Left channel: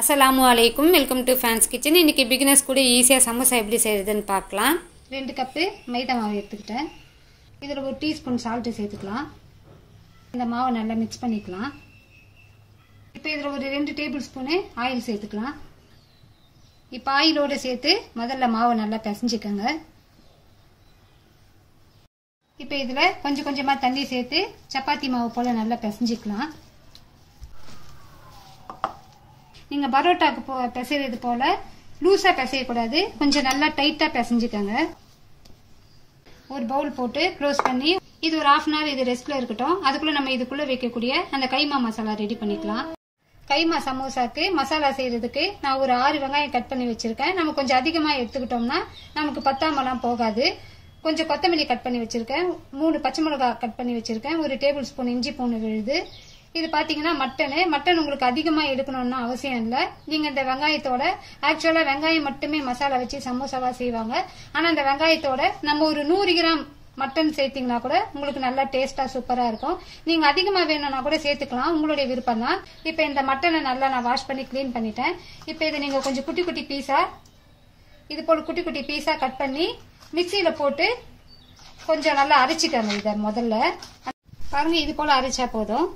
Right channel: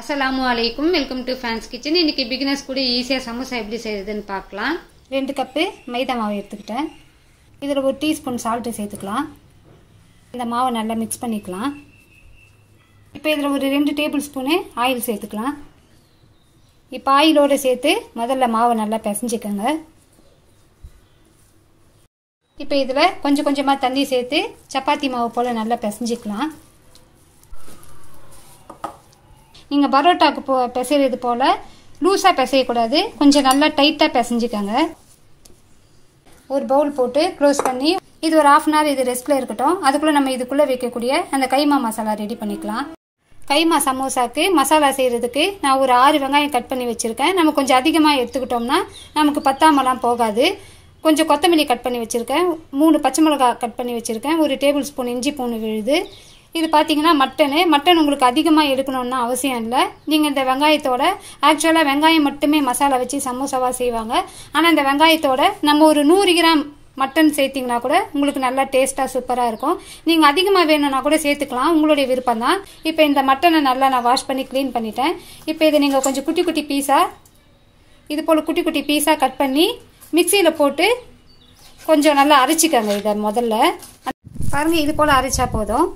அஸ்ஸலாமு அலைக்கும். Welcome to fans kitchen. இன்றைக்கி பிகினர்ஸ் கூட ஈஸியாக சமோசா எப்படி செய்கிறதுன்னு பார்க்கலாம். 2 கப்பு மைதா மாவு எடுத்துக்கிட்டேன். இதில் 1 டீஸ்பூன் சால்ட்டு சேர்த்துக்கலாம். இந்த மாவை நல்லா மிக்ஸ் பண்ணிக்கலாம். இப்போ இதில் ஒரு 2 டேபிள் ஸ்பூனு ஆயில் சேர்த்துக்கலாம். இப்போ ஆயிலோடு சேர்த்து முதல்ல மாவை நல்லா பிசைஞ்சிக்கோங்க. இப்போ இதில் கொஞ்சம் கொஞ்சமாக தண்ணி சேர்த்து சப்பாத்தி மாவு போல் நல்லா பிசைஞ்சிக்கலாம். நீங்கள் பரோட்டாக்கு பிசைறது போல் லூஸாக பிசையக்கூடாது, கொஞ்சம் நல்லா டைட்டாக பிசைஞ்சிக்கோங்க. ஒரு பவுல் போட்டு க்ளோஸ் பண்ணி இது ஒரு 1/2 hour இது ரெஸ்ட்டில் இருக்கட்டும். அதுக்குள்ளே நம்ம இதுக்குள்ளே வைக்கக்கூடிய அந்த கைமா மசாலா ரெடி பண்ணிக்கலாம். கைமா சமோசாக்கு மசாலா செய்கிறதுக்கு நான் ஒரு 6 வெங்காயம் கட் பண்ணி வச்சுருக்கேன். நம்ம கொஞ்சம் அதிகமாக எடுத்துக்கிட்டோம்னா நமக்கு பத்தாமலாம் போகாது. கொஞ்சம் கொத்தமல்லி கட் பண்ணி வச்சுருக்கேன், 3 பச்சை மிளகாய் கட் பண்ணி வச்சுருக்கேன், 1 டேபிள் ஸ்பூன் இஞ்சி பூண்டு விழுது. இது பார்த்தீங்கன்னா மட்டன் உங்களுக்கு அதிகமாக எடுக்கணும்னு அவசியம் இல்லை. நீங்கள் இந்த வெங்காயத்தோட ஆக்சுவலாக வெங்காயம் மட்டுமே மசாலா வச்சு சமோசாவாக செய்வாங்க. ஆனால் இந்த வெங்காயத்தோட நம்ம ஒரு 100 கிராம் மட்டன் சேர்த்திங்கன்னா கூட உங்களுக்கு நல்லா டேஸ்ட்டாக சூப்பராக இருக்கும். நீங்கள் அதிகமாக வேணும்னா கூட சேர்த்துக்கலாம், உங்களுடைய விருப்பம் தான். இப்போ இந்த மட்டனை நல்லா நான் வாஷ் பண்ணி க்ளீன் பண்ணிட்டேன். இப்போ இதை நீங்கள் கொஞ்சம் குட்டி குட்டி பீஸாக இது போல் குட்டி குட்டி பீஸாக கட் பண்ணி மிக்சியில் போட்டு கொஞ்சம் நல்லா அரைச்சிக்கோங்க. இதை முதல்ல பாருங்கள், இது போல் அரைச்சா போதும்.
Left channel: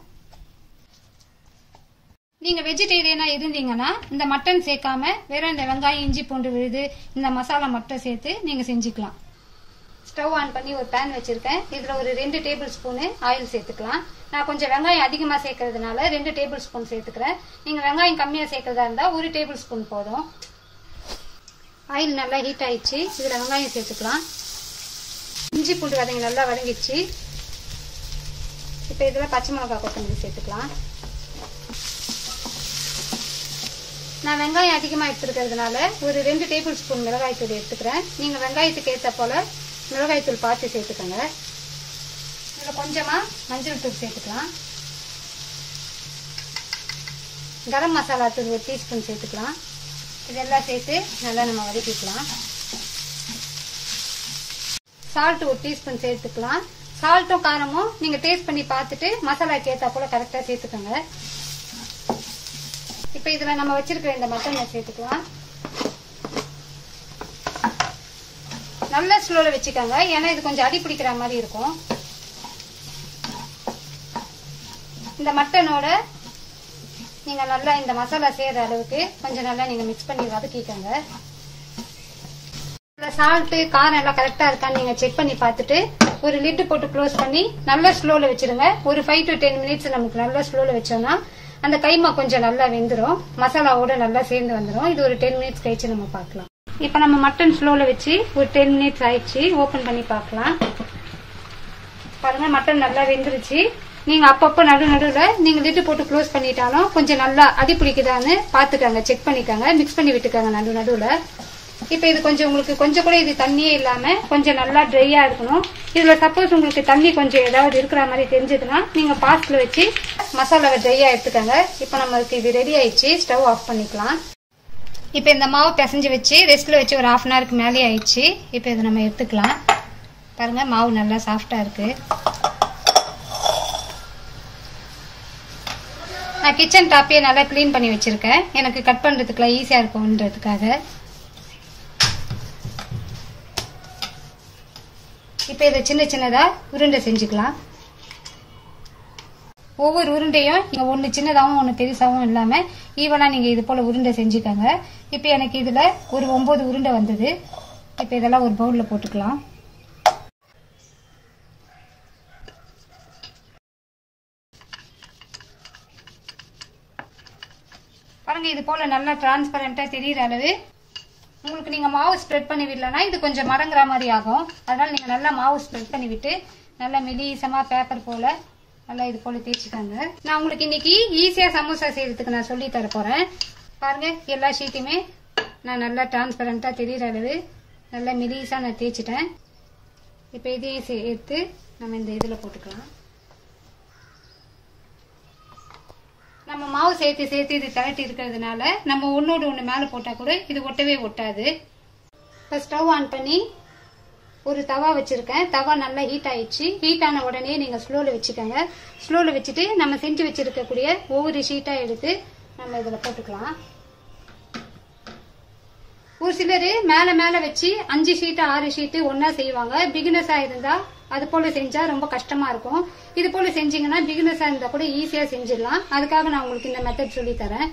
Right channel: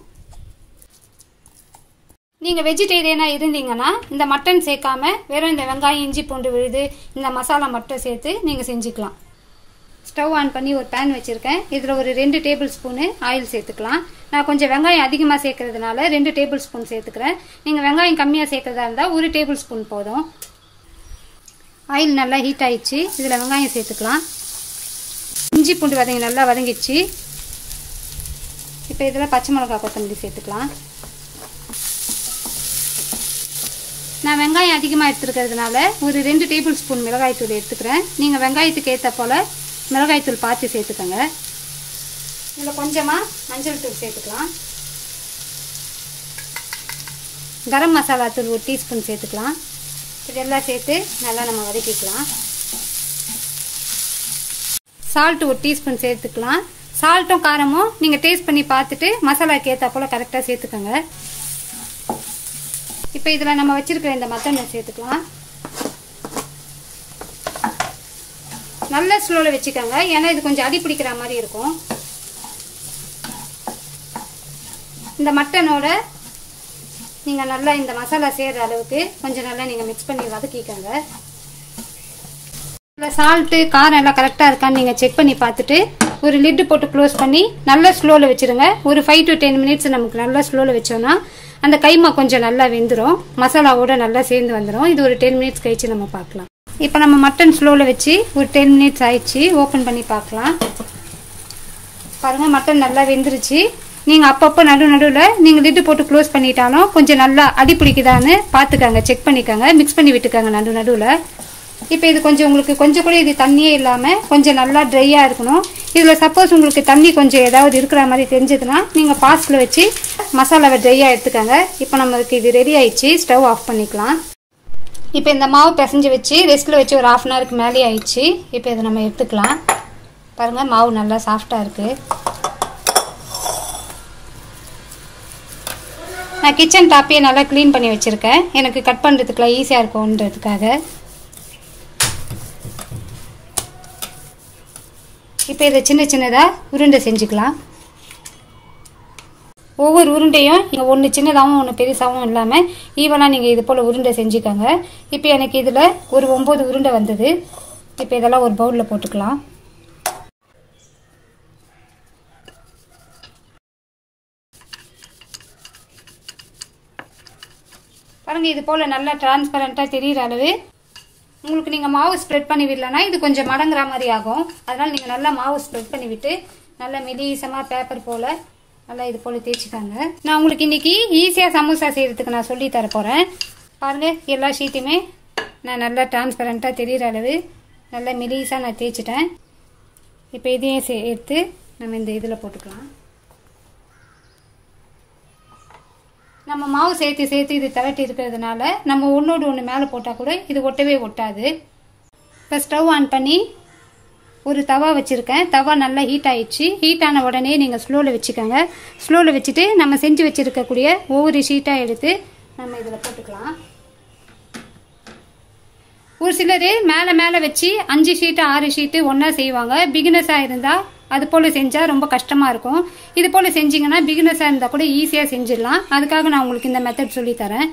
நீங்கள் வெஜிடேரியனாக இருந்தீங்கன்னா இந்த மட்டன் சேர்க்காம வெறும் இந்த வெங்காயம் இஞ்சி பூண்டு விழுது இந்த மசாலா மட்டும் சேர்த்து நீங்கள் செஞ்சுக்கலாம். ஸ்டவ் ஆன் பண்ணி ஒரு பேன் வச்சுருக்கேன். இதில் ஒரு 2 டேபிள் ஸ்பூனு ஆயில் சேர்த்துக்கலாம். நான் கொஞ்சம் வெங்காயம் அதிகமாக சேர்க்கறதுனால 2 டேபிள் ஸ்பூன் சேர்த்துக்கிறேன். நீங்கள் வெங்காயம் கம்மியாக சேர்க்கறதா இருந்தால் 1 டேபிள் ஸ்பூன் போதும். ஆயில் நல்லா ஹீட் ஆயிடுச்சு. இதில் வெங்காயம் சேர்த்துக்கலாம். இஞ்சி பூண்டு வதங்கி நல்லா வதங்கிடுச்சு. இப்போ இதில் பச்சை மிளகாய் கொத்தமல்லி சேர்த்துக்கலாம். நான் வெங்காயம் அதிகமாக எடுத்துருக்கிறதுனால ஒரு 2 டேபிள் ஸ்பூன் மிளகாய்த்தூள் எடுத்துக்கிறேன். நீங்கள் வெங்காயத்துக்கு ஏற்ற போல் மிளகாய்த்தூள் பார்த்து சேர்த்துக்கோங்க. இதில் கொஞ்சமாக மஞ்சள் தூள் சேர்த்துக்கலாம். கரம் மசாலா தூள் 1 டீஸ்பூன் சேர்த்துக்கலாம். இதெல்லாம் சேர்த்து நல்லா நம்ம வதக்கிக்கலாம். சால்ட் 1 டீஸ்பூன் சேர்த்துக்கலாம். சால்ட்டும் காரமும் நீங்கள் டேஸ்ட் பண்ணி பார்த்துட்டு மசாலாக்கு ஏற்ற போல் கரெக்டாக சேர்த்துக்கோங்க. இப்போ இதில் நம்ம வச்சிருக்கிற இந்த மட்டனை சேர்த்துக்கலாம். நல்ல ஸ்லோவில் வச்சுக்கோங்க, ஏன்னா இது கொஞ்சம் அடி பிடிக்கிற மாதிரி இருக்கும். இந்த மட்டனோட நீங்கள் நல்லா இந்த மசாலா சேர்கிற அளவுக்கு கொஞ்சம் நல்லா நீங்கள் மிக்ஸ் பண்ணி வதக்கிக்கோங்க. இல்லை சால்ட்டு காரம் எல்லாம் கரெக்டாக இருக்கான்னு நீங்கள் செக் பண்ணி பார்த்துட்டு ஒரு லிட்டு போட்டு க்ளோஸ் பண்ணி நல்லா ஸ்லோவில் வச்சுருங்க. ஒரு 5 to 10 மினிட்ஸ் நமக்கு நல்லா ஸ்லோவில் வச்சோன்னா அந்த கைமா கொஞ்சம் நல்லா வெந்துடும், மசாலாவோட நல்லா சேர்ந்து வந்துடும். இது ஒரு 10 மினிட்ஸ் கழிச்சு நம்ம பார்க்கலாம். இப்போ நம்ம மட்டன் ஸ்லோவில் வச்சு ஒரு 10 மினிட்ஸ் ஆயிடுச்சு. ஓப்பன் பண்ணி பார்க்கலாம். பாருங்கள், மட்டன் நல்லா வெந்துருச்சு. நீங்கள் அப்பப்போ நடுவில் நீங்கள் லிட்டு போட்டு க்ளோஸ் பண்ணிட்டாலும் கொஞ்சம் நல்லா அடி பிடிக்குதான்னு பார்த்துக்கோங்க, செக் பண்ணிக்கோங்க, மிக்ஸ் பண்ணி விட்டுக்கோங்க நடுவில். இப்போ இது கொஞ்சம் உங்களுக்கு கொஞ்சம் கூட இது தண்ணியே இல்லாமல் கொஞ்சம் நல்லா ட்ரையாக இருக்கணும். இதில் சப்போஸ் உங்களுக்கு தண்ணி கொஞ்சம் ஏதாவது இருக்கிற மாதிரி தெரிஞ்சதுன்னா நீங்கள் பாஸ்டில் வச்சு மசாலாவை ட்ரையாக எடுத்துக்கோங்க. இப்போ நமக்கு இது ரெடி ஆயிடுச்சு. ஸ்டவ் ஆஃப் பண்ணிக்கலாம். இப்போ இந்த மாவு பிசைஞ்சு வச்சு ரெஸ்ட்டில் வச்சு ஒரு 1/2 hourக்கு மேலே ஆயிடுச்சு. இப்போ இதை நம்ம எடுத்துக்கலாம். பாருங்கள், மாவு நல்லா சாஃப்டாக இருக்குது. நான் கிச்சன் டாப்பையே நல்லா க்ளீன் பண்ணி வச்சுருக்கேன், எனக்கு கட் பண்ணுறதுக்குலாம் ஈஸியாக இருக்கும்ன்றதுக்காக. இப்போ இதை சின்ன சின்னதாக உருண்டை செஞ்சுக்கலாம். ஒவ்வொரு உருண்டையும் ஒன்று சின்னதாகவும் ஒன்று பெருசாகவும் இல்லாமல் ஈவனாக நீங்கள் இது போல் உருண்டை செஞ்சுக்கோங்க. இப்போ எனக்கு இதில் ஒரு 9 உருண்டை வந்தது. இப்போ இதெல்லாம் ஒரு பவுலில் போட்டுக்கலாம். பாருங்கள், இது போல் நல்லா டிரான்ஸ்பரண்ட்டாக தெரிகிற அளவு உங்களுக்கு நீங்கள் மாவு ஸ்ப்ரெட் பண்ணி விடலன்னா இது கொஞ்சம் மடங்குற மாதிரி ஆகும். அதனால் நீங்கள் நல்லா மாவு ஸ்ப்ரெட் பண்ணி விட்டு நல்லா மெலிசமாக பேப்பர் போல் நல்லா இது போல் தேய்ச்சிக்காங்க. நான் உங்களுக்கு இன்னைக்கு ஈஸியாக சமோசா செய்கிறதுக்கு நான் சொல்லி தர போகிறேன். பாருங்கள், எல்லா ஷீட்டுமே நான் நல்லா டிரான்ஸ்பரண்ட்டாக தெரிகிற அளவு நல்லா மெலிசாக நான் தேய்ச்சிட்டேன். இப்போ இதையும் சேர்த்து நம்ம இந்த இதில் போட்டுக்கலாம். நம்ம மாவு சேர்த்து இது தரட்டி இருக்கிறதுனால நம்ம ஒன்னோடு ஒன்று மேலே போட்டால் கூட இது ஒட்டவே ஒட்டாது. இப்போ ஸ்டவ் ஆன் பண்ணி ஒரு தவா வச்சுருக்கேன். தவா நல்லா ஹீட் ஆயிடுச்சு. ஹீட் ஆன உடனே நீங்கள் ஸ்லோவில் வச்சுக்கோங்க. ஸ்லோவில் வச்சுட்டு நம்ம செஞ்சு வச்சுருக்கக்கூடிய ஒவ்வொரு ஷீட்டாக எடுத்து நம்ம இதில் போட்டுக்கலாம். ஒரு சிலர் மேல மேல வச்சு 5 ஷீட் 6 ஷீட் ஒன்னா செய்வாங்க. பிகினர்ஸா இருந்தா அது போல செஞ்சா ரொம்ப கஷ்டமா இருக்கும். இது போல செஞ்சீங்கன்னா பிகினர்ஸா இருந்தா கூட ஈஸியா செஞ்சிடலாம். அதுக்காக நான் உங்களுக்கு இந்த மெத்தட் சொல்லி தரேன்.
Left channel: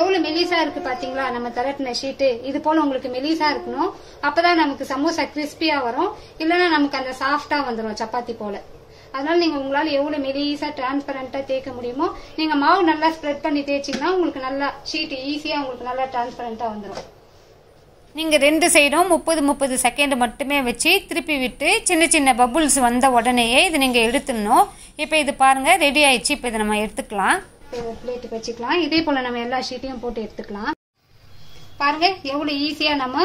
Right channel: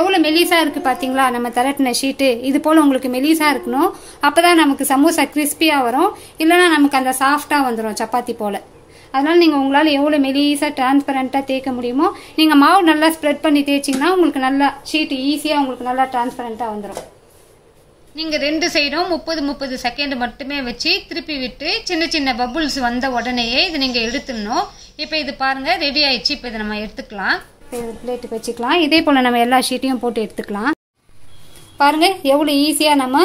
எவ்வளவு மெலிசா இருக்கு பாத்தீங்களா நம்ம திரட்டின ஷீட்டு. இது போல உங்களுக்கு மெலிசா இருக்கணும். அப்பதான் நமக்கு சமோசா கிறிஸ்பியா வரும். இல்லைன்னா நமக்கு அந்த சாஃப்டா வந்துடும் சப்பாத்தி போல. அதனால நீங்க உங்களால எவ்வளவு மெலிசா டிரான்ஸ்பரண்டா தேய்க்க முடியுமோ நீங்க மாவு நல்லா ஸ்ப்ரெட் பண்ணி தேய்ச்சிங்கன்னா உங்களுக்கு நல்லா ஷீட் ஈஸியா உங்களுக்கு நல்லா டிரான்ஸ்பரண்டா வந்துடும். நீங்க 2 சைடும் 30 செகண்ட் மட்டுமே வச்சு திருப்பி விட்டு சின்ன சின்ன பபுள்ஸ் வந்த உடனேயே இது நீங்க எடுத்துடணும். இப்போ இது பாருங்க ரெடி ஆயிடுச்சு. இப்போ இதை நம்ம எடுத்துக்கலாம். பிளேட்டுக்கு வச்சுக்கலாம். இதே போல நம்ம எல்லா ஷீட்டையும் போட்டு எடுத்துக்கலாம். பாருங்க எவ்வளவு ஈஸியா நம்ம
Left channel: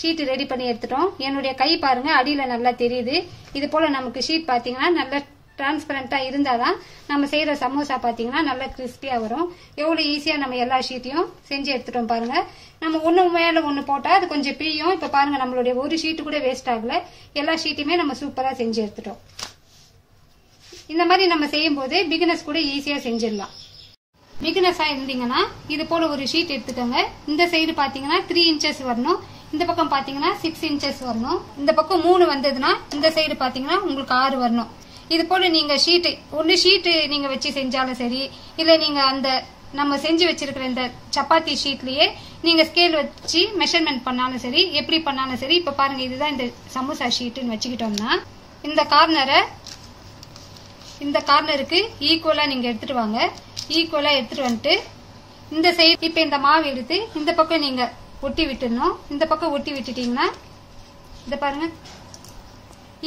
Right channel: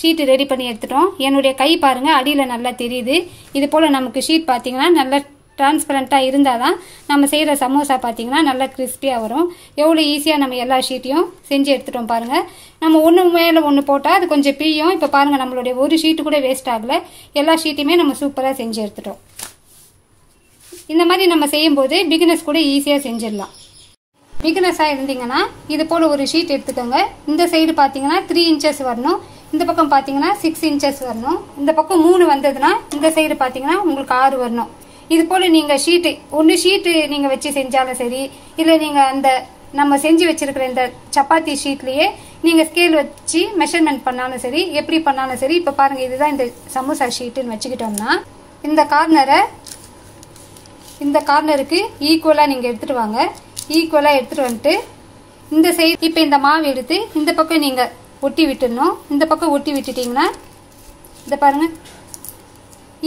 ஷீட் ரெடி பண்ணி எடுத்துட்டோம். என்னுடைய கை பாருங்க அடியில நல்லா தெரியுது. இது போல நமக்கு ஷீட் பாத்தீங்கன்னா நல்லா டிரான்ஸ்பரண்டா இருந்தாதான் நம்ம செய்யற சமோசா பாத்தீங்கன்னா நல்லா கிறிஸ்பியா வரும். எவ்வளவு ஈஸியா நம்ம எல்லா ஷீட்டையும் செஞ்சு எடுத்துட்டோம் பாருங்க. நம்ம ஒண்ணு மேல ஒண்ணு போட்டா அது கொஞ்சம் பிரியும். இப்ப பாருங்க நம்மளுடைய ஒரு ஷீட் கூட வேஸ்ட் ஆகல. எல்லா ஷீட்டையுமே நம்ம சூப்பரா செஞ்சு எடுத்துட்டோம். இந்த மாதிரி நம்ம செய்யும் போது பிகினர்ஸ் கூட ஈஸியா செஞ்சிடலாம். பிகினர்ஸா இருந்தீங்கன்னா இது போல ஒரு ஷீட் எடுத்துக்கோங்க. இந்த சைடு பாத்தீங்கன்னா 3 இன்ச்சஸ் வரணும். இந்த பக்கம் பாத்தீங்கன்னா 6 இன்ச்சஸ் வரணும். இந்த பக்கம் 3 வந்ததுன்னா இந்த சைடு பாத்தீங்கன்னா உங்களுக்கு 6 வரணும். இது போல நீங்க ஷீட் ஒன்னு ஷீட் நீங்க வச்சு செஞ்சாலும் சரி, இல்ல நீங்க அந்த நம்ம செஞ்சு வச்சிருக்கிற இந்த சப்பாத்தி ஷீட்லயே நீங்க ஸ்கேல் வச்சு மெஷர்மெண்ட் பண்ணாலும் சரி, எப்படி பண்ணாலும் சரி. இப்ப பாருங்க இதுதான் இந்த சமோசா ஷீட்னு வச்சுக்கிட்டோம்னா இந்த கார்னருக்கு ஈக்குவலா நீங்க எடுத்துட்டு வாங்க. ஈக்குவலா எடுத்துட்டு வந்துட்டு இந்த சைடு இப்ப இந்த மாவு எடுத்து இந்த பக்கம் நீங்க ஒட்டி விட்டுடணும். இந்த பக்கம் ஒட்டி விட்டுட்டீங்கன்னா இத பாருங்க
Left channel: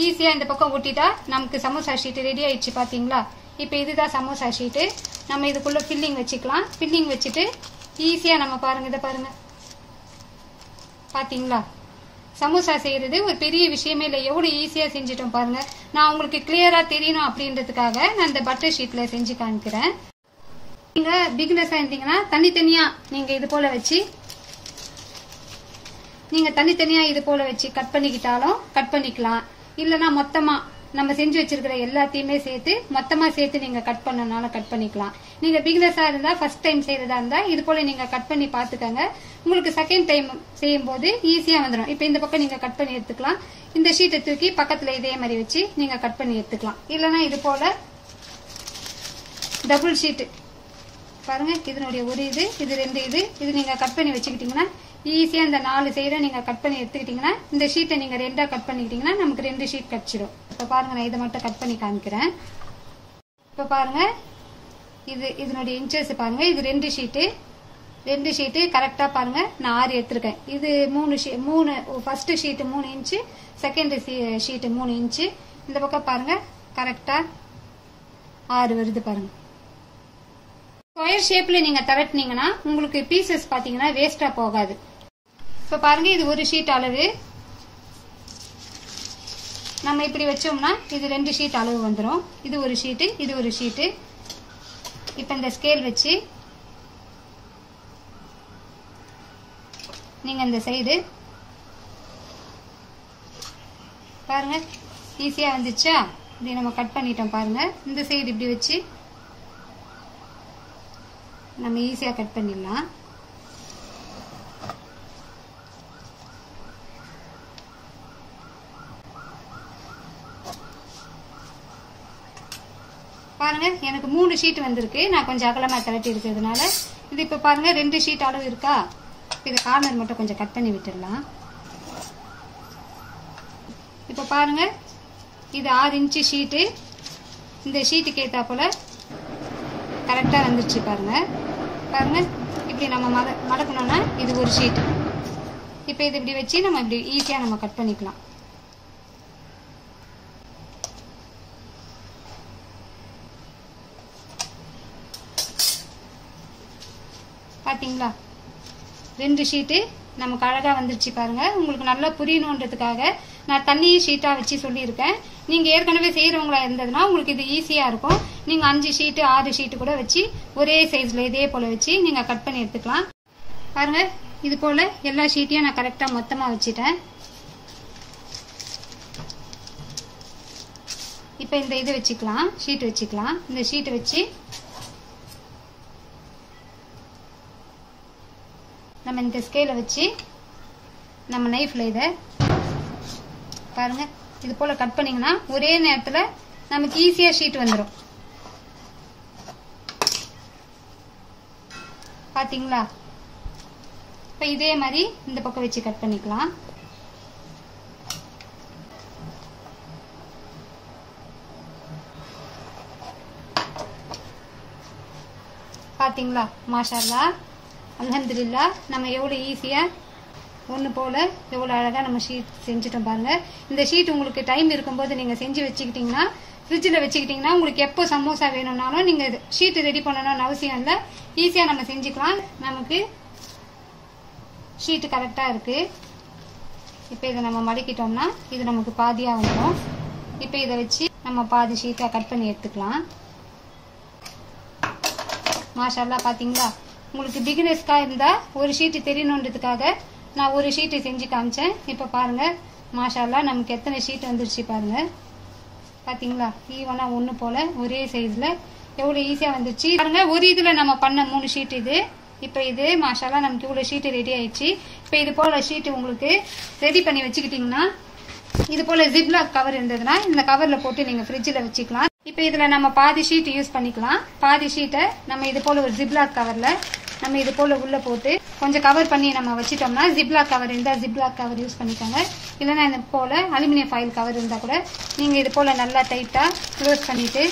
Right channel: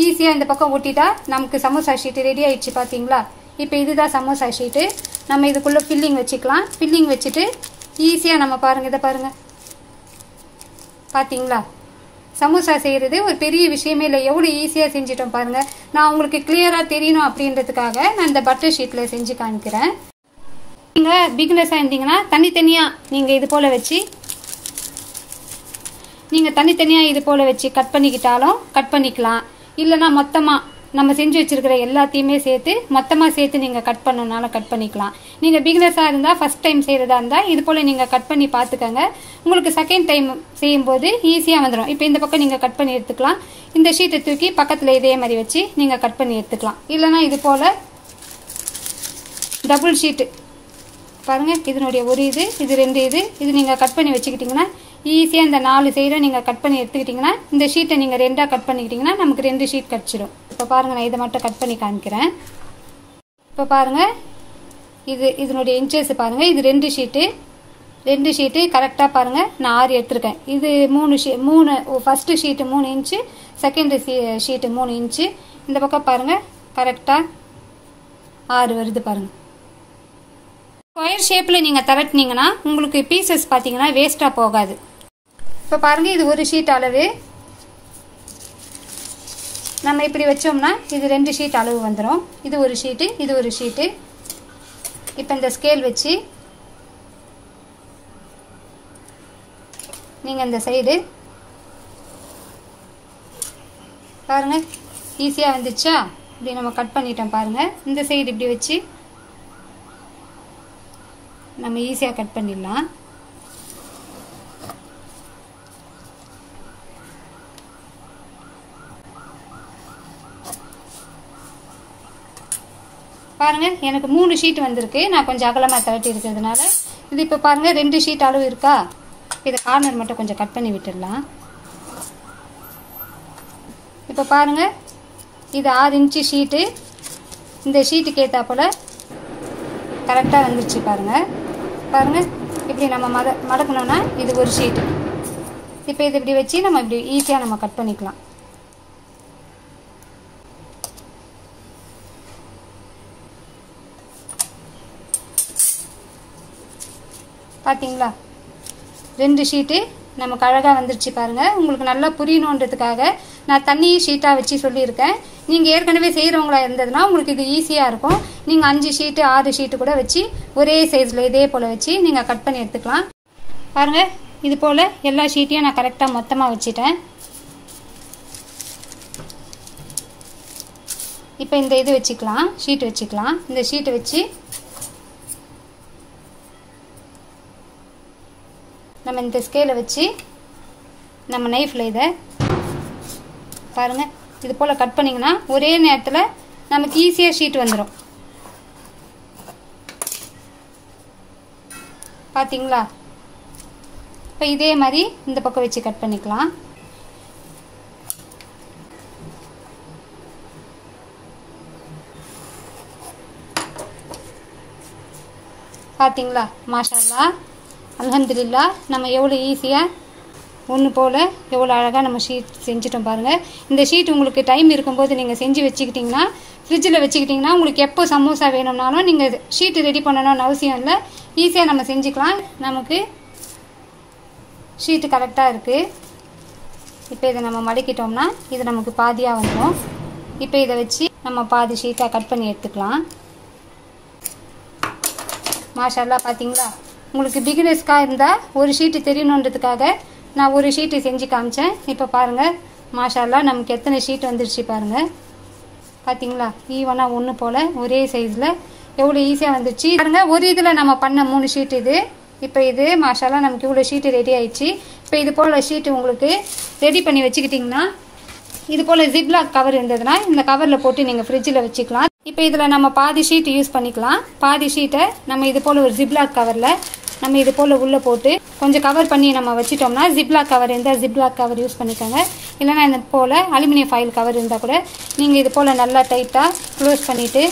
ஈஸியா இந்த பக்கம் ஒட்டிட்டா நமக்கு சமோசா ஷீட் ரெடி ஆயிடுச்சு பாத்தீங்களா. இப்ப இதுதான் சமோசா ஷீட். நம்ம இதுக்குள்ள ஃபில்லிங் வச்சுக்கலாம். ஃபில்லிங் வச்சுட்டு ஈஸியா நம்ம பாருங்க இத பாருங்க பாத்தீங்களா. சமோசா செய்யறது ஒரு பெரிய விஷயமே இல்லை. எவ்வளவு ஈஸியா செஞ்சிட்டோம் பாருங்க. நான் உங்களுக்கு கிளியரா தெரியணும் அப்படின்றதுக்காக நான் இந்த பட்டர் ஷீட்ல செஞ்சு காமிக்கிறேன். நீங்க பிகினர்ஸா இருந்தீங்கன்னா தனித்தனியா நீங்க இது போல வச்சு கட் பண்ணிக்கிட்டாலும் கட் பண்ணிக்கலாம். இல்லனா மொத்தமா நம்ம செஞ்சு வச்சிருக்கிற எல்லாத்தையுமே மொத்தமா சேர்த்து நீங்க கட் பண்ணனாலும் கட் பண்ணிக்கலாம். நீங்க பிகினர்ஸா இருந்தா ஃபர்ஸ்ட் டைம் செய்யறதா இருந்தா இது போல நீங்க கட் பண்ணி பாத்துக்கோங்க. உங்களுக்கு செகண்ட் டைம் செய்யும் போது ஈஸியா வந்துடும். இப்ப இந்த பக்கம் நீங்க கட் பண்ணி எடுத்துக்கலாம். இந்த ஷீட்டை தூக்கி பக்கத்துல இதே மாதிரி வச்சு நீங்க கட் பண்ணி எடுத்துக்கலாம். இல்லனா இது போல டபுள் ஷீட் பாருங்க. இதனுடைய ஒரு இது 2 இது நீங்க கட் பண்ணி வச்சுக்கிட்டீங்கன்னா ஈஸியா இந்த 4 சைடும் நீங்க கட் பண்ணி எடுத்துக்கிட்டீங்கன்னா இந்த ஷீட்டை நீங்க 2ஆ கட் பண்ணிக்கிட்டீங்கன்னா நமக்கு 2 ஷீட் கிடைச்சிடும். இப்ப பாருங்க நான் இதை மட்டும் கட் பண்ணி காமிக்கிறேன். இப்ப பாருங்க இதனுடைய இன்ச்சஸ் பாருங்க. இது 2 ஷீட்டு கரெக்டா பாருங்க. நான் 6 எடுத்திருக்கேன். இது 3 first sheet 3 inch, second sheet 3 inch. இந்த பக்கம் பாருங்க கரெக்டா 6 வருது பாருங்க. ஸ்கொயர் ஷேப்ல நீங்க திரட்டினீங்கன்னா உங்களுக்கு பீசஸ் பாத்தீங்கன்னா வேஸ்டா போகாது. இப்ப பாருங்க இது ஒரு ஷீட் அளவு. நம்ம இப்படி வச்சோம்னா இது 2 ஷீட் அளவு வந்துடும். இது ஒரு ஷீட்டு, இது ஒரு ஷீட்டு. இப்ப இந்த ஸ்கேல் வச்சு நீங்க இந்த சைடு பாருங்க ஈஸியா வந்துச்சா. இப்படி நம்ம கட் பண்ணிட்டோம் பாருங்க. இந்த சைடு இப்படி வச்சு நம்ம ஈஸியா கட் பண்ணிடலாம். பாருங்க எனக்கு 3 ஷீட் வந்திருக்கு. நான் கொஞ்சம் அகலமா திரட்டி இருக்கிறதுனால இது இப்ப பாருங்க 2 ஷீட் அளவு இருக்கா. இத கார்னர் மட்டும் கொஞ்சம் கட் பண்ணி விட்டுடலாம். இப்ப பாருங்க இது 6 இன்ச் ஷீட்டு. இந்த ஷீட்டுக்கு ஏத்தாப்புல கரெக்டா வந்துச்சு பாருங்க. பாருங்க இப்படி நம்ம மடக்கணும்னா இது ஒரு ஷீட். இப்ப இது இப்படி வச்சு நம்ம இப்படி ஈஸியா நம்ம கட் பண்ணிக்கலாம். பாத்தீங்களா 2 ஷீட்டு நமக்கு அழகா வந்துருச்சு பாருங்க. உங்களுக்கு நல்லா புரியணுன்றதுக்காக நான் தண்ணி ஷீட்டா வச்சு சொல்லியிருக்கேன். நீங்க ஏற்கனவே செய்யறவங்களா இருந்ததுன்னா உங்களுக்கு இது ஈஸியா இருக்கும். நீங்க 5 ஷீட்டு 6 ஷீட்டு கூட வச்சு ஒரே சைஸ்ல இதே போல வச்சு நீங்க கட் பண்ணி எடுத்துக்கலாம். பாருங்க இது போல எல்லா ஷீட்டையும் நான் கரெக்டா மொத்தமா வச்சுட்டேன். இப்ப இந்த இது வச்சுக்கலாம், ஷீட் வச்சுக்கலாம். இந்த ஷீட்டை வச்சு நம்ம இந்த ஸ்கேலை வச்சு நம்ம நைஃப்ல இதை பாருங்க இது போல கட் பண்ணிங்கன்னா ஒரே நேரத்தில் நமக்கு ஈஸியாக ஷீட் வந்துடும். பார்த்தீங்களா? இப்போ இதே மாதிரி இந்த பக்கம் வச்சு கட் பண்ணிக்கலாம். பார்த்தீங்களா? மாஷா அல்லாஹ், அல்ஹம்துலில்லாஹ். நம்ம எவ்வளோ ஈஸியாக ஒன்று போல் எவ்வளோ அழகாக நம்ம ஷீட் செஞ்சுட்டோம் பாருங்கள். இந்த ஷீட் உங்களுக்கு டைம் இருக்கும்போது நீங்கள் செஞ்சு வச்சுக்கிட்டிங்கன்னா, ஃப்ரிட்ஜில் வச்சுக்கிட்டிங்கன்னா, உங்களுக்கு எப்போ சமோசா வேணும்னாலும் நீங்கள் ஷீட்டு ரெடி பண்ணணும்னு அவசியம் இல்லை. ஈஸியாக நம்ம செஞ்சுக்கலாம். நமக்கு ஷீட்டு கரெக்டாக இருக்குது. இப்போ இதை நம்ம மடக்கிட்டோம்னா இது நமக்கு பாதியாக வந்துடும். இப்போ இதை வச்சு நம்ம பாதி ஷீட்டாக கட் பண்ணி எடுத்துக்கலாம். மாஷா அல்லாஹ். பார்த்தீங்களா? உங்களுக்கு பிகினர்ஸ்க்காக இருந்தால் ஒரு ஷீட்டு தெரியணுன்றதுக்காக நான் ஒரு ஷீட்டு செஞ்சு காமிச்சேன். இப்போ பாருங்கள் மாஷா அல்லாஹ் நமக்கு எத்தனை ஷீட் வந்துருச்சு பாருங்கள். பார்த்தீங்களா? ஈவனாக ஒன்று போல் ஒரே சைஸில் எவ்வளோ ஈஸியாக வந்துருச்சு பாருங்கள். ஒரு இதில் நம்ம பண்ண 3 ஷீட் இது. இப்போ இது மாஷா அல்லாஹ் நமக்கு இவ்வளோ ஷீட்டு ரெடி ஆயிடுச்சு. இப்போ இது போல் ஷீட்டு உங்களுக்கு ரெடி பண்ணி வச்சுக்கிட்டிங்கன்னா, இது போல் ஜிப்லாக் கவர் இருந்ததுன்னா இந்த கவரில் போட்டு நீங்கள் ஃப்ரிட்ஜில் வச்சுக்கலாம். இப்போ இதில் நம்ம பாதி ஷீட் யூஸ் பண்ணிக்கலாம். பாதி ஷீட்டை நம்ம இது போல் ஒரு ஜிப்லாக் கவரில் நம்ம இது போல் உள்ளே போட்டு கொஞ்சம் கவர் பண்ணி நம்ம வச்சிட்டோம்னா, ஜிப்லாக் கவர் இருந்தால் ஜிப்லாக் கவர் யூஸ் பண்ணிக்கோங்க. இல்லைனா இந்த போல் அலுமினியம் ஃபாயில் கவர் இருந்தால் கூட நீங்கள் இது போல் நல்லா டைட்டாக க்ளோஸ் பண்ணிவிட்டு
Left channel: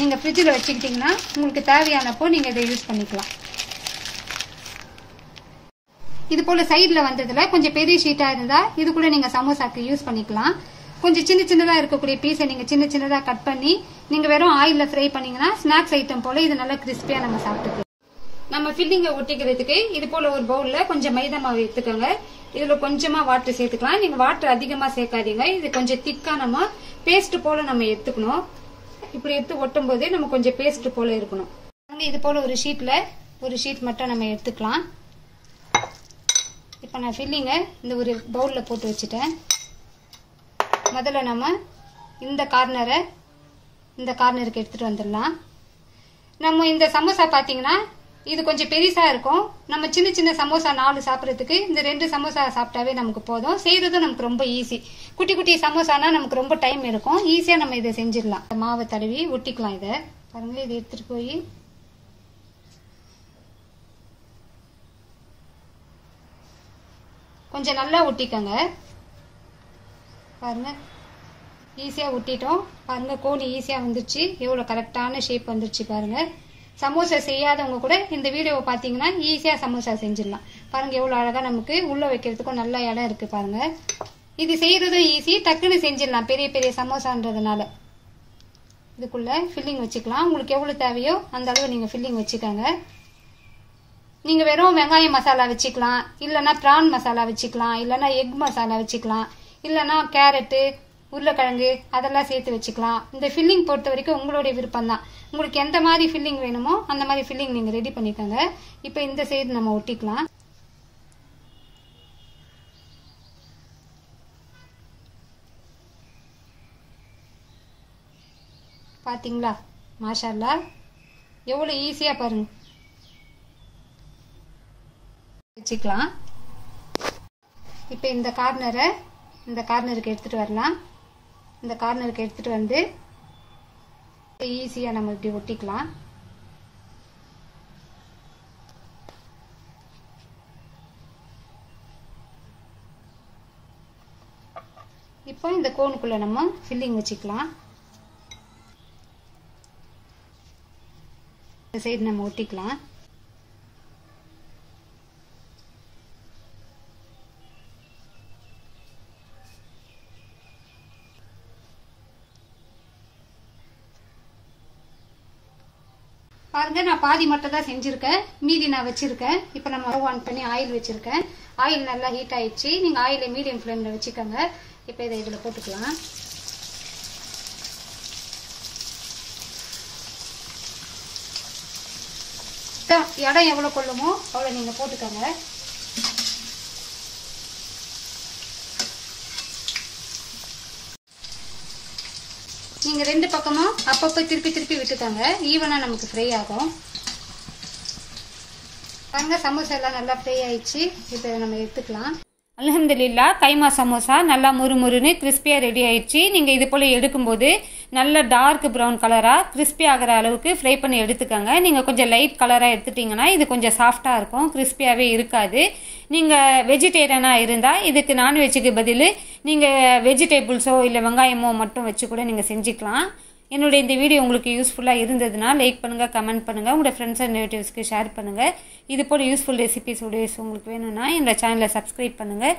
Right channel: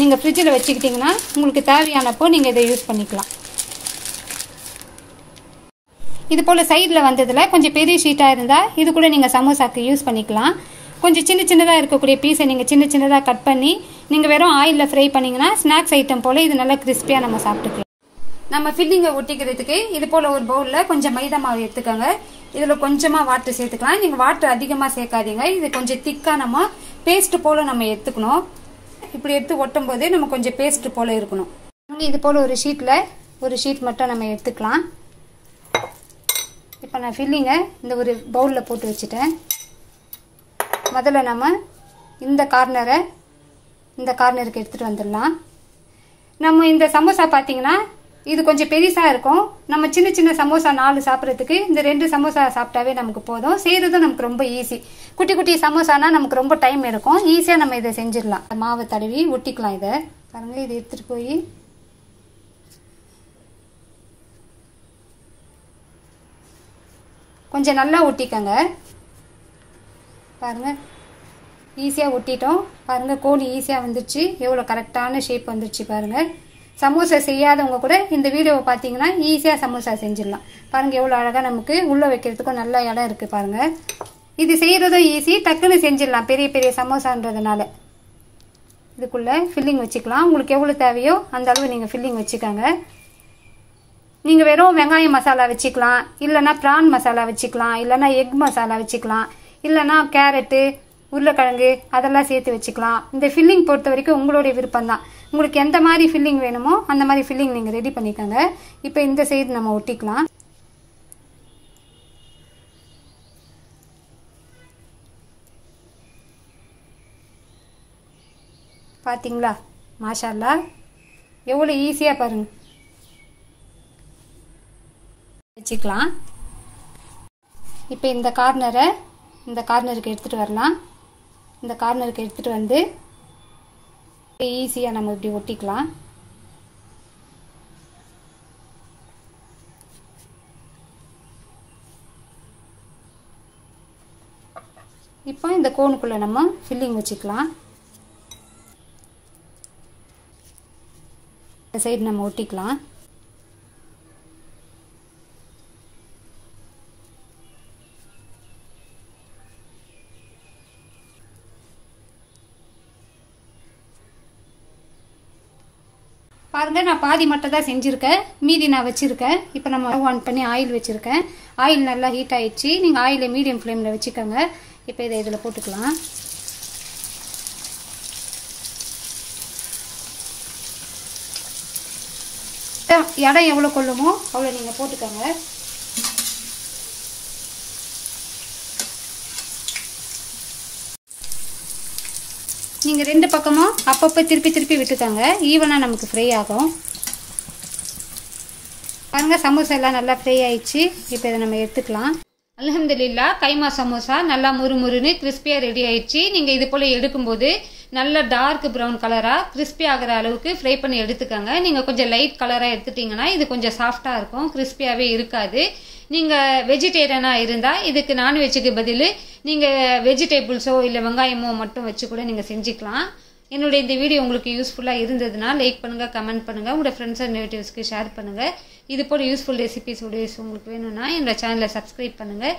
நீங்கள் ஃப்ரிட்ஜில் வச்சுக்கிட்டிங்கன்னா உங்களுக்கு தேவையானப்போ நீங்கள் இதை யூஸ் பண்ணிக்கலாம். இது போல் சைடில் வந்ததில் கொஞ்சம் பெரிய ஷீட்டாக இருந்தால் இது கூட நீங்கள் சமோசாக்கு யூஸ் பண்ணிக்கலாம். கொஞ்சம் சின்ன சின்னதாக இருக்கக்கூடிய பீஸை நீங்கள் சின்ன சின்னதாக கட் பண்ணி நீங்கள் வெறும் ஆயிலில் ஃப்ரை பண்ணிங்கன்னா ஸ்நாக்ஸ் ஐட்டம் போல் இது நல்லா கிறிஸ்பியாக நம்ம சாப்பிட்டுக்கலாம். நம்ம ஃபில்லிங்கை ஒட்டிக்கிறதுக்கு இது போல் ஒரு பவுலில் கொஞ்சம் மைதா மாவு எடுத்துக்கோங்க. இதில் கொஞ்சமாக வாட்டர் சேர்த்துக்கலாம். நீங்கள் வாட்டர் அதிகமாக சேர்க்காதீங்க. இது கொஞ்சம் திக்காக நம்ம பேஸ்ட் போல் நம்ம எடுத்துக்கணும். இப்படி எடுத்து ஒட்டும் போது நம்ம கொஞ்சம் பேஸ்ட் போல் இருக்கணும். இது போல் ஒரு ஷீட் மட்டும் நம்ம எடுத்துக்கலாம். இப்போ நான் ஃபில்லிங்கை இந்த ஒரு பவுலில் போட்டு வச்சுட்டேன். முதல்ல நம்ம இந்த கார்னருக்கு எடுத்துகிட்டு வந்துடலாம். நம்ம இந்த சமோசா பார்த்தீங்கன்னா இது கொஞ்சம் பெருசாக இருக்கும். நம்ம சின்ன சின்ன சமோசா 4 சாப்பிட்றதுக்கு இந்த 2 சமோசா சாப்பிட்டாவே நமக்கு போதும். செய்யறதும் நமக்கு ரொம்ப ஈஸி. குட்டி குட்டி சமோசானா நமக்கு ரொம்ப டைம் இருக்கும். ஈஸியாக நம்ம இதை செஞ்சிடலாம். மாவை தடவி ஒட்டிக்கலாம். இதை பாருங்க, இதை எடுத்துகிட்டு போய் கொஞ்சம் நல்லா ஒட்டிக்கங்க. பாருங்க ஈஸியாக ஒட்டிட்டோம். பாருங்க கோழி ஈஸியாக வந்துருச்சு. எவ்வளோ கரெக்டான ஷேப் வந்துருச்சு பாருங்க. சமோசா செய்யாதவங்க கூட இந்த வீடியோவை பார்த்தீங்கன்னா ஈஸியாக சமோசா செஞ்சிடலாம். பாருங்க எவ்வளோ அழகாக நமக்கு உள்ளே வைக்கிறதுக்கும் நல்ல இடம் இருக்கு பாருங்க. இது செய்யறதும் ஈஸி, டக்குன்னு செஞ்சிடலாம். பெரிய பெரிய சமோசான்றதுனால இதுக்குள்ள ஃபில்லிங் வச்சுக்கலாம். உங்களுக்கு எவ்வளோ தேவையோ அந்த அளவு நீங்கள் ஃபில்லிங் வச்சுக்கோங்க. நீங்கள் வெறும் வெங்காயம் மசாலா வச்சுக்கலாம், இல்லைன்னா ப்ரான் மசாலா வச்சுக்கலாம், இல்லைன்னா எக் மசாலா வச்சுக்கலாம், இல்லைன்னா கேரட்டு உருளைக்கிழங்கு அதெல்லாம் சேர்த்து வச்சுக்கலாம். இந்த ஃபில்லிங் பொறுத்த வரைக்கும் உங்களுடைய விருப்பம் தான். உங்களுக்கு எந்த மாதிரி ஃபில்லிங் வேணுமோ அந்த மாதிரி ஃபில்லிங் நீங்கள் ரெடி பண்ணிக்கோங்க. இப்போ இந்த சைடு நம்ம ஒட்டிக்கலாம். பார்த்தீங்களா? மாஷா அல்லாஹ் எவ்வளோ ஈஸியாக பாருங்க வச்சுக்கலாம். இப்போ இந்த கார்னருக்கு எடுத்துகிட்டு வரலாம். இந்த கார்னருக்கு எடுத்துகிட்டு வந்து ஈஸியாக நம்ம இப்படி ஒட்டிக்கலாம். இப்போ இந்த கோனுக்குள்ள நம்ம ஃபில்லிங் வச்சுக்கலாம். இந்த சைடு நம்ம ஒட்டிக்கலாம். பாருங்க நான் பாதி மட்டும் தான் செஞ்சிருக்கேன், மீதி நான் வச்சிருக்கேன். இப்போ நம்ம ஆன் பண்ணி ஆயில் வச்சிருக்கேன். ஆயில் நல்லா ஹீட் ஆயிடுச்சு. நீங்க ஆயிலை மீடியம் ஃப்ளேம்ல வச்சுக்கோங்க. இப்போ இதை இதில் போட்டுக்கலாம். இடம் எவ்வளோ கொள்ளுமோ அவ்வளோ நீங்க போட்டுக்கோங்க. நீங்க 2 பக்கமும் அப்பப்போ திருப்பி விட்டுக்கோங்க. ஈவனா நமக்கு ஃப்ரை ஆகும். பாருங்க சமோசா எல்லாம் நல்லா ஃப்ரை ஆயிடுச்சு. இப்போ இதை நம்ம எடுத்துக்கலாம். அல்ஹம்துலில்லாஹ் கைமா சமோசா நல்லா முறுமுறுன்னு கிறிஸ்பியாக ரெடி ஆயிடுச்சு. நீங்கள் இது போல் எடுக்கும்போது நல்ல டார்க் ப்ரௌன் கலராக கிறிஸ்பி ஆகிற அளவுக்கு ஃப்ரை பண்ணி எடுத்துக்கோங்க. நீங்கள் கொஞ்சம் லைட் கலராக எடுத்துட்டிங்கன்னா இது கொஞ்சம் சாஃப்டாக இருக்கும், கிறிஸ்பியாகவே இருக்காது. நீங்கள் வெஜிடேரியனாக இருந்தால் இதுக்கு நான்வெஜ்ஜுக்கு பதில் நீங்கள் வெஜிடேபிள்ஸோ இல்லை வெங்காயமோ மட்டும் வச்சு கூட நீங்கள் செஞ்சுக்கலாம். என்னுடைய இந்த வீடியோ உங்களுக்கு யூஸ்ஃபுல்லாக இருந்ததுன்னா லைக் பண்ணுங்கள், கமெண்ட் பண்ணுங்கள், உங்களோட ஃப்ரெண்ட்ஸ் அண்ட் ரிலேட்டிவ்ஸ்க்கு ஷேர் பண்ணுங்கள். இது போல் யூஸ்ஃபுல் ரெசிபிஸ் வீடியோஸ் உங்களுக்கு வேணும்னா என்னோட சேனலை சப்ஸ்கிரைப் பண்ணுங்கள்.